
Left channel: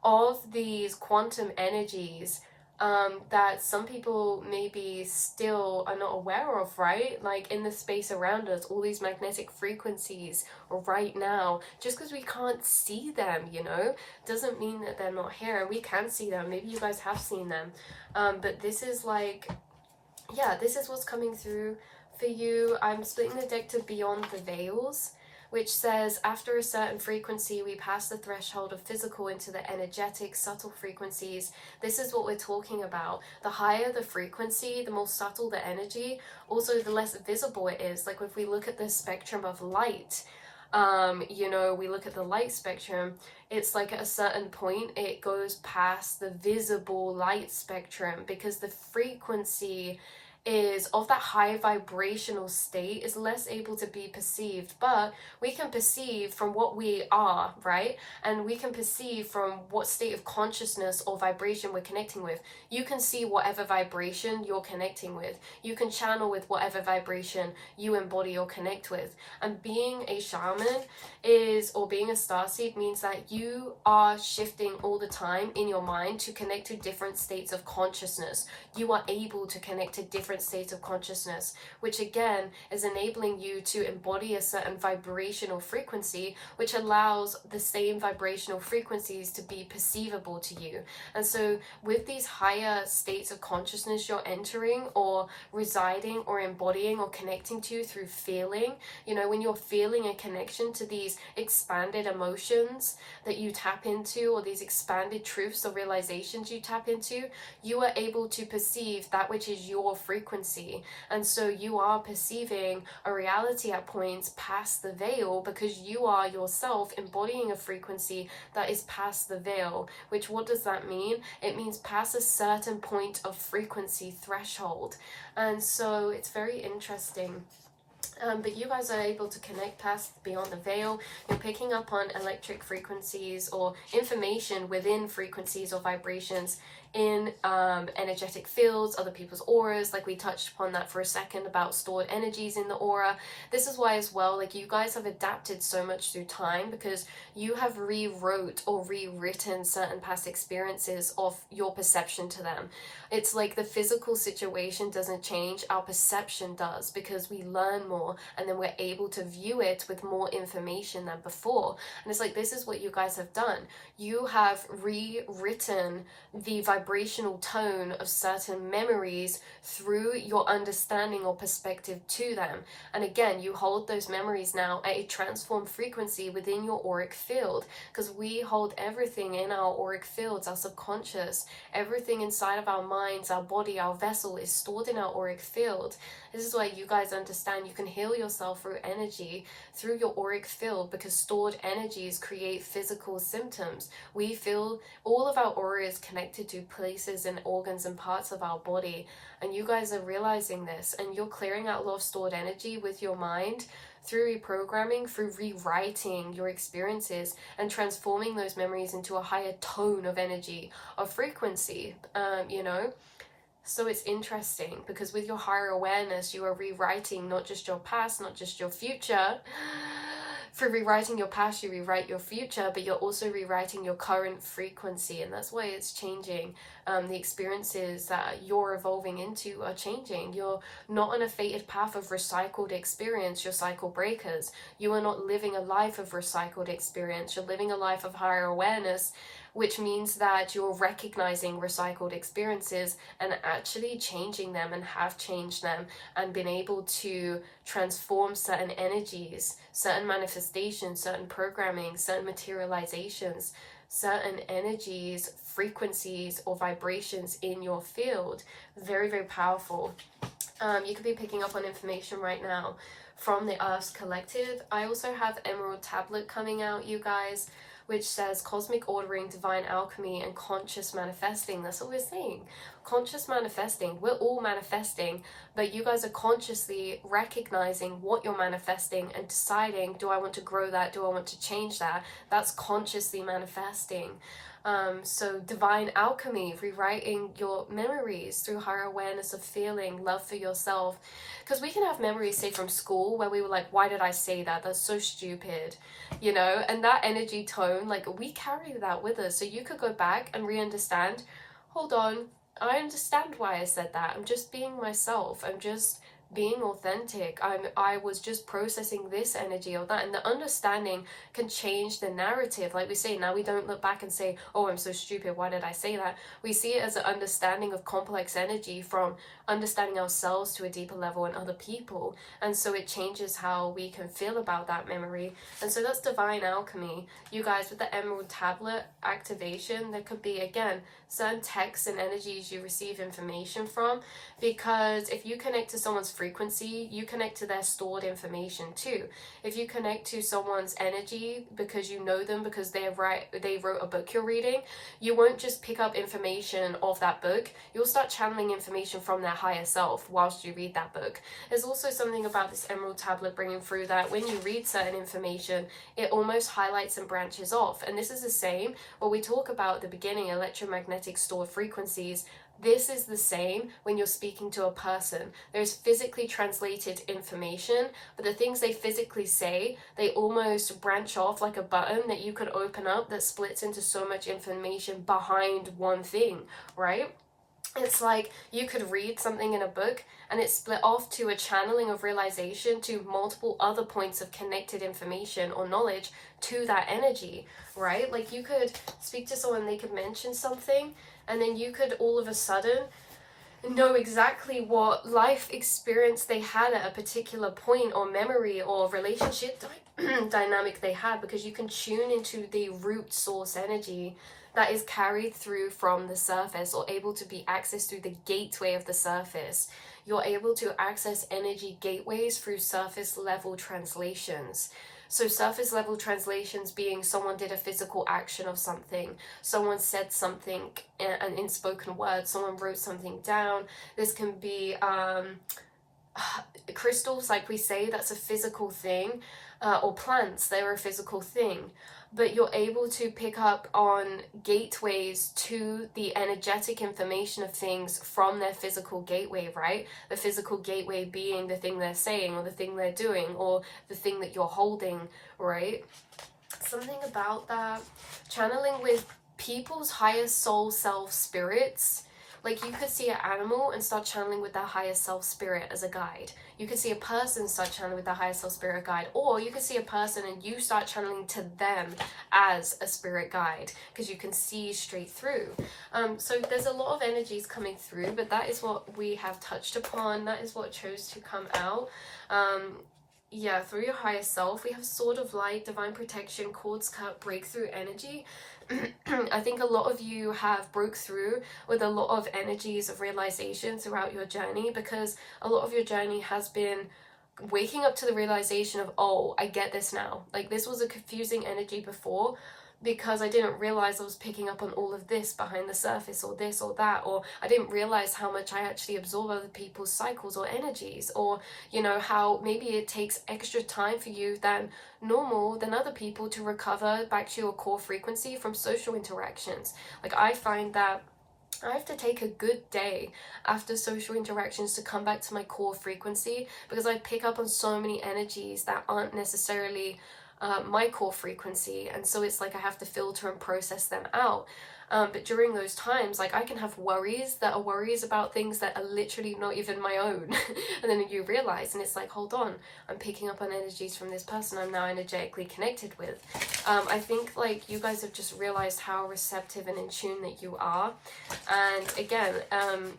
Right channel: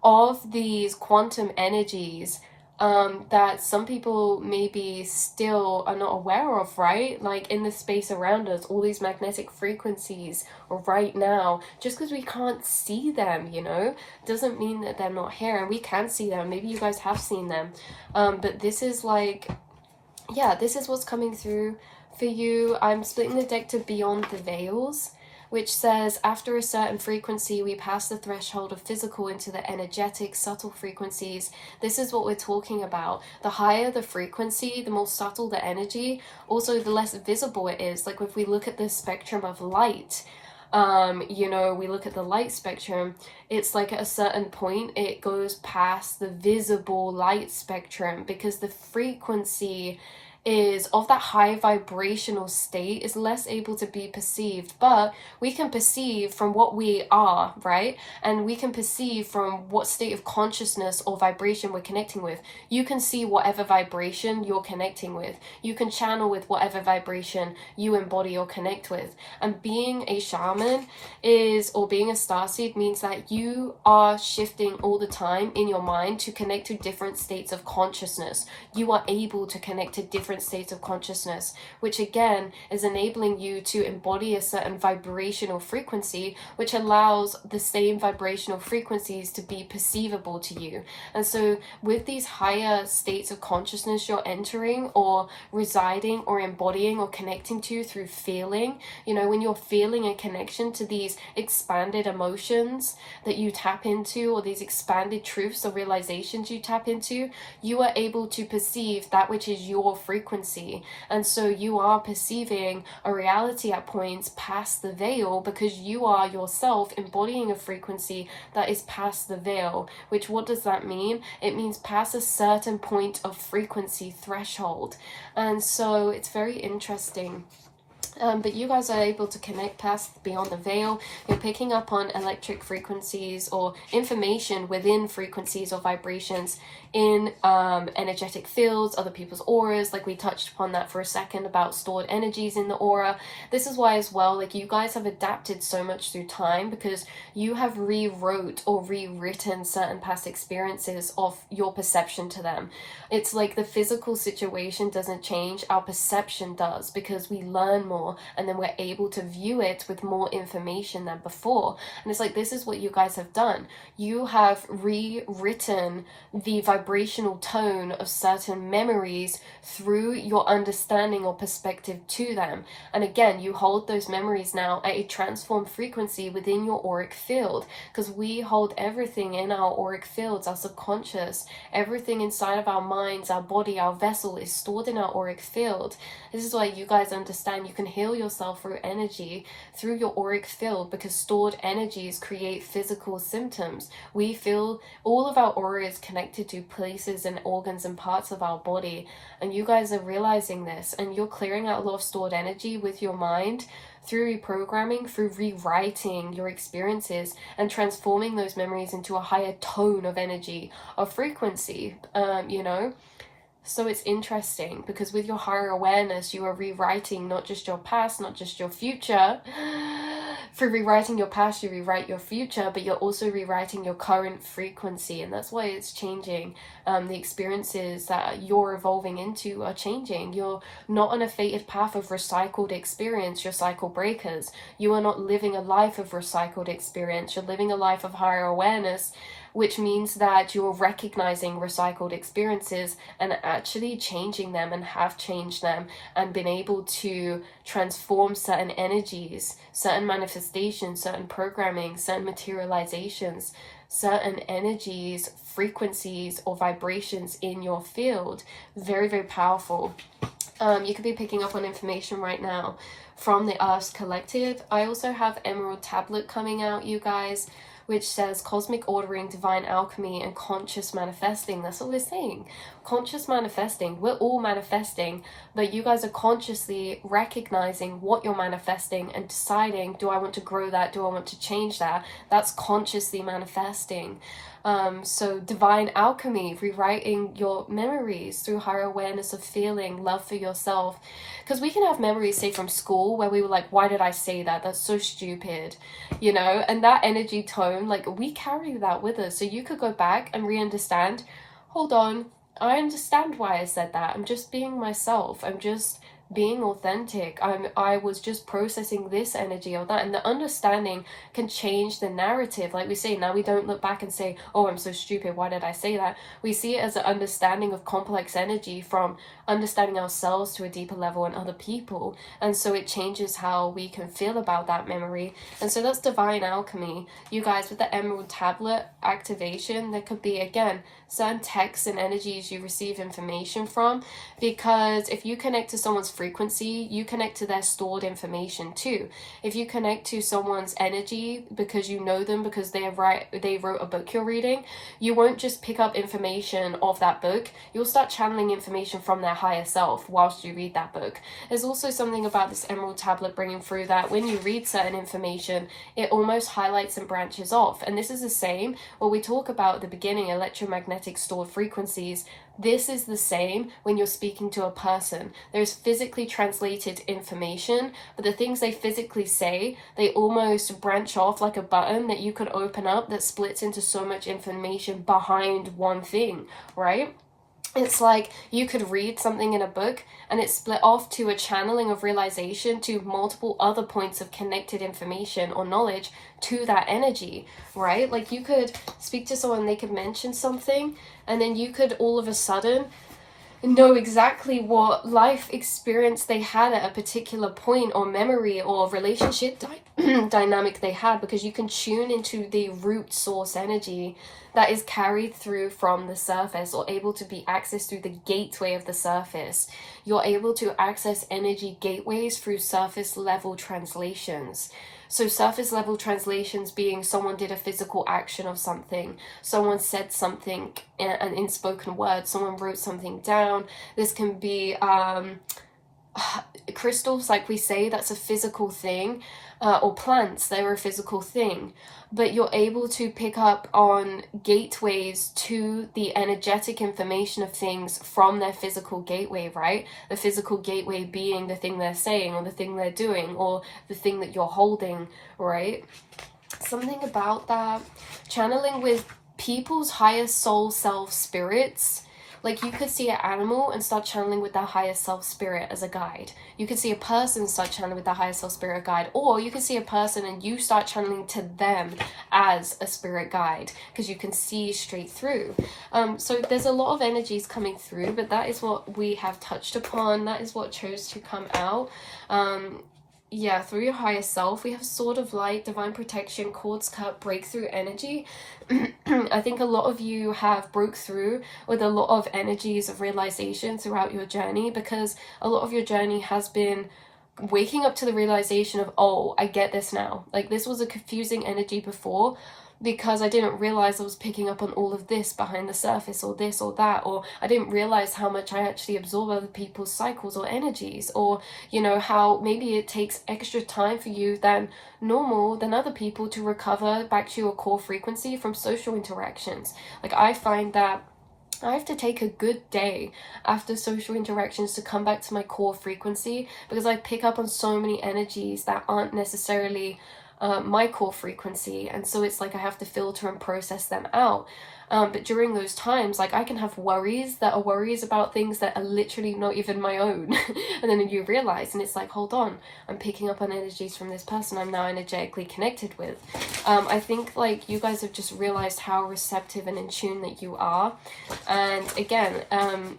of these quantum energies that some people maybe still are not aware of, right? Like in the space around us, all these magnetic frequencies right now, just because we can't see them, you know, doesn't mean that they're not here, and we can see them. Maybe you guys have seen them, but this is like, yeah, this is what's coming through for you. I'm splitting the deck to Beyond the Veils, which says, after a certain frequency, we pass the threshold of physical into the energetic, subtle frequencies. This is what we're talking about. The higher the frequency, the more subtle the energy, also the less visible it is. Like if we look at the spectrum of light, you know, we look at the light spectrum, it's like at a certain point, it goes past the visible light spectrum because the frequency is of that high vibrational state is less able to be perceived, but we can perceive from what we are, right? And we can perceive from what state of consciousness or vibration we're connecting with. You can see whatever vibration you're connecting with. You can channel with whatever vibration you embody or connect with. And being a shaman or being a starseed means that you are shifting all the time in your mind to connect to different states of consciousness. You are able to connect to different states of consciousness, which again is enabling you to embody a certain vibrational frequency, which allows the same vibrational frequencies to be perceivable to you. And so with these higher states of consciousness you're entering or residing or embodying or connecting to through feeling, you know, when you're feeling a connection to these expanded emotions that you tap into, or these expanded truths or realizations you tap into, you are able to perceive that which is your frequency frequency. And so you are perceiving a reality at points past the veil, because you are yourself embodying a frequency that is past the veil. Which, what does that mean? It means past a certain point of frequency threshold. And so it's very interesting. But you guys are able to connect past, beyond the veil. You're picking up on electric frequencies or information within frequencies or vibrations in energetic fields, other people's auras. Like we touched upon that for a second about stored energies in the aura. This is why as well, like, you guys have adapted so much through time, because you have rewrote or rewritten certain past experiences of your perception to them. It's like the physical situation doesn't change, our perception does, because we learn more and then we're able to view it with more information than before. And it's like, this is what you guys have done. You have rewritten the vibrational tone of certain memories through your understanding or perspective to them. And again, you hold those memories now at a transformed frequency within your auric field, because we hold everything in our auric fields, our subconscious, everything inside of our minds, our body, our vessel is stored in our auric field. This is why you guys understand you can heal yourself through energy, through your auric field, because stored energies create physical symptoms. We feel all of our aura is connected to places and organs and parts of our body, and you guys are realizing this, and you're clearing out a lot of stored energy with your mind through reprogramming, through rewriting your experiences and transforming those memories into a higher tone of energy, of frequency, you know. So it's interesting, because with your higher awareness, you are rewriting not just your past, not just your future. For rewriting your past, you rewrite your future, but you're also rewriting your current frequency. And that's why it's changing. The experiences that you're evolving into are changing. You're not on a fated path of recycled experience, you're cycle breakers. You are not living a life of recycled experience, you're living a life of higher awareness, which means that you're recognizing recycled experiences and actually changing them, and have changed them, and been able to transform certain energies, certain manifestations, certain programming, certain materializations, certain energies, frequencies, or vibrations in your field. Very, very powerful. You could be picking up on information right now from the Earth's Collective. I also have Emerald Tablet coming out, you guys, which says cosmic ordering, divine alchemy, and conscious manifesting. That's what we're saying. Conscious manifesting. We're all manifesting, but you guys are consciously recognizing what you're manifesting and deciding, do I want to grow that? Do I want to change that? That's consciously manifesting. So divine alchemy, rewriting your memories through higher awareness of feeling, love for yourself. Because we can have memories, say, from school where we were like, why did I say that? That's so stupid, you know? And that energy tone, like, we carry that with us. So you could go back and re-understand, hold on, I understand why I said that. I'm just being myself. I'm just being authentic. I was just processing this energy or that, and the understanding can change the narrative. Like we say, now we don't look back and say, oh, I'm so stupid, why did I say that? We see it as an understanding of complex energy, from understanding ourselves to a deeper level and other people, and so it changes how we can feel about that memory. And so that's divine alchemy, you guys. With the Emerald Tablet activation, there could be, again, certain texts and energies you receive information from, because if you connect to someone's frequency, you connect to their stored information too. If you connect to someone's energy because you know them, because they wrote a book you're reading, you won't just pick up information of that book, you'll start channeling information from their higher self whilst you read that book. There's also something about this Emerald Tablet bringing through that when you read certain information, it almost highlights and branches off. And this is the same what we talk about at the beginning, electromagnetic stored frequencies. This is the same when you're speaking to a person. There's physically translated information, but the things they physically say, they almost branch off like a button that you could open up that splits into so much information behind one thing, right? It's like you could read something in a book and it's split off to a channeling of realization to multiple other points of connected information or knowledge to that energy, right? Like you could speak to someone, they could mention something, and then you could all of a sudden know exactly what life experience they had at a particular point, or memory or relationship dynamic they had, because you can tune into the root source energy that is carried through from the surface, or able to be accessed through the gateway of the surface. You're able to access energy gateways through surface level translations. So surface level translations being someone did a physical action of something, someone said something, in spoken words, someone wrote something down. This can be crystals, like we say, that's a physical thing, or plants, they're a physical thing. But you're able to pick up on gateways to the energetic information of things from their physical gateway, right? The physical gateway being the thing they're saying, or the thing they're doing, or the thing that you're holding, right? Something about that, channeling with people's higher soul self spirits. Like, you could see an animal and start channeling with their higher self spirit as a guide. You could see a person start channeling with their higher self spirit guide, or you could see a person and you start channeling to them as a spirit guide, because you can see straight through. So there's a lot of energies coming through, but that is what we have touched upon. That is what chose to come out. Yeah, through your higher self, we have Sword of Light, Divine Protection, Quartz Cup, Breakthrough Energy. I think a lot of you have broke through with a lot of energies of realization throughout your journey, because a lot of your journey has been waking up to the realization of, oh, I get this now. Like, this was a confusing energy before, because I didn't realize I was picking up on all of this behind the surface, or this or that, or I didn't realize how much I actually absorb other people's cycles or energies, or, you know, how maybe it takes extra time for you than normal, than other people, to recover back to your core frequency from social interactions. Like, I find that I have to take a good day after social interactions to come back to my core frequency, because I pick up on so many energies that aren't necessarily my core frequency, and so it's like I have to filter and process them out. But during those times, like, I can have worries that are worries about things that are literally not even my own. And then you realize, and it's like, hold on, I'm picking up on energies from this person I'm now energetically connected with. I think, like, you guys have just realized how receptive and in tune that you are. And again,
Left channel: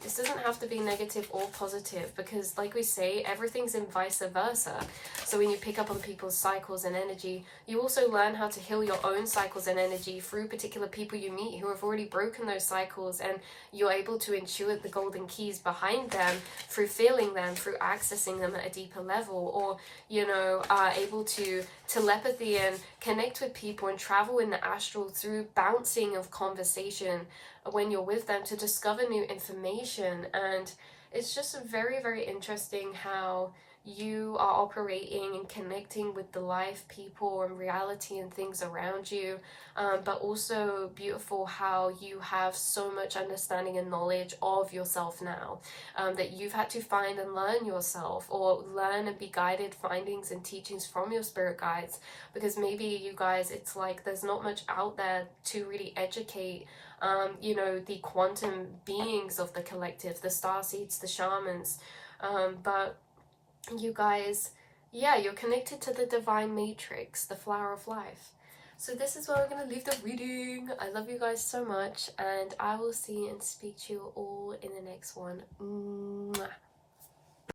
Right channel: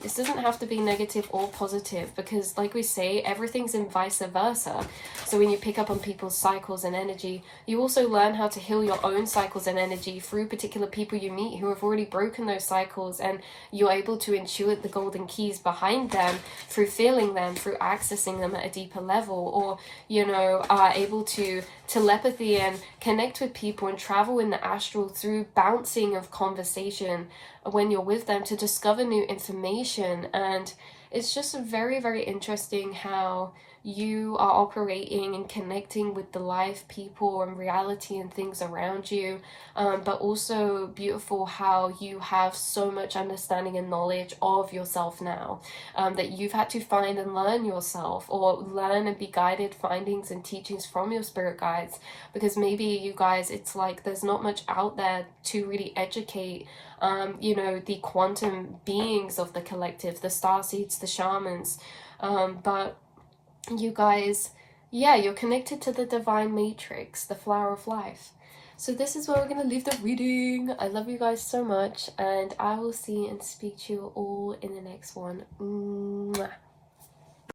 this doesn't have to be negative or positive, because, like we say, everything's in vice versa. So when you pick up on people's cycles and energy, you also learn how to heal your own cycles and energy through particular people you meet who have already broken those cycles, and you're able to intuit the golden keys behind them through feeling them, through accessing them at a deeper level, or, you know, are able to telepathy and connect with people and travel in the astral through bouncing of conversation when you're with them to discover new information. And it's just very, very interesting how you are operating and connecting with the life, people, and reality and things around you, but also beautiful how you have so much understanding and knowledge of yourself now, that you've had to find and learn yourself, or learn and be guided findings and teachings from your spirit guides, because maybe you guys, it's like there's not much out there to really educate you know, the quantum beings of the collective, the starseeds, the shamans, but you guys, yeah, you're connected to the divine matrix, the flower of life. So this is where we're going to leave the reading. I love you guys so much, and I will see and speak to you all in the next one. Mwah.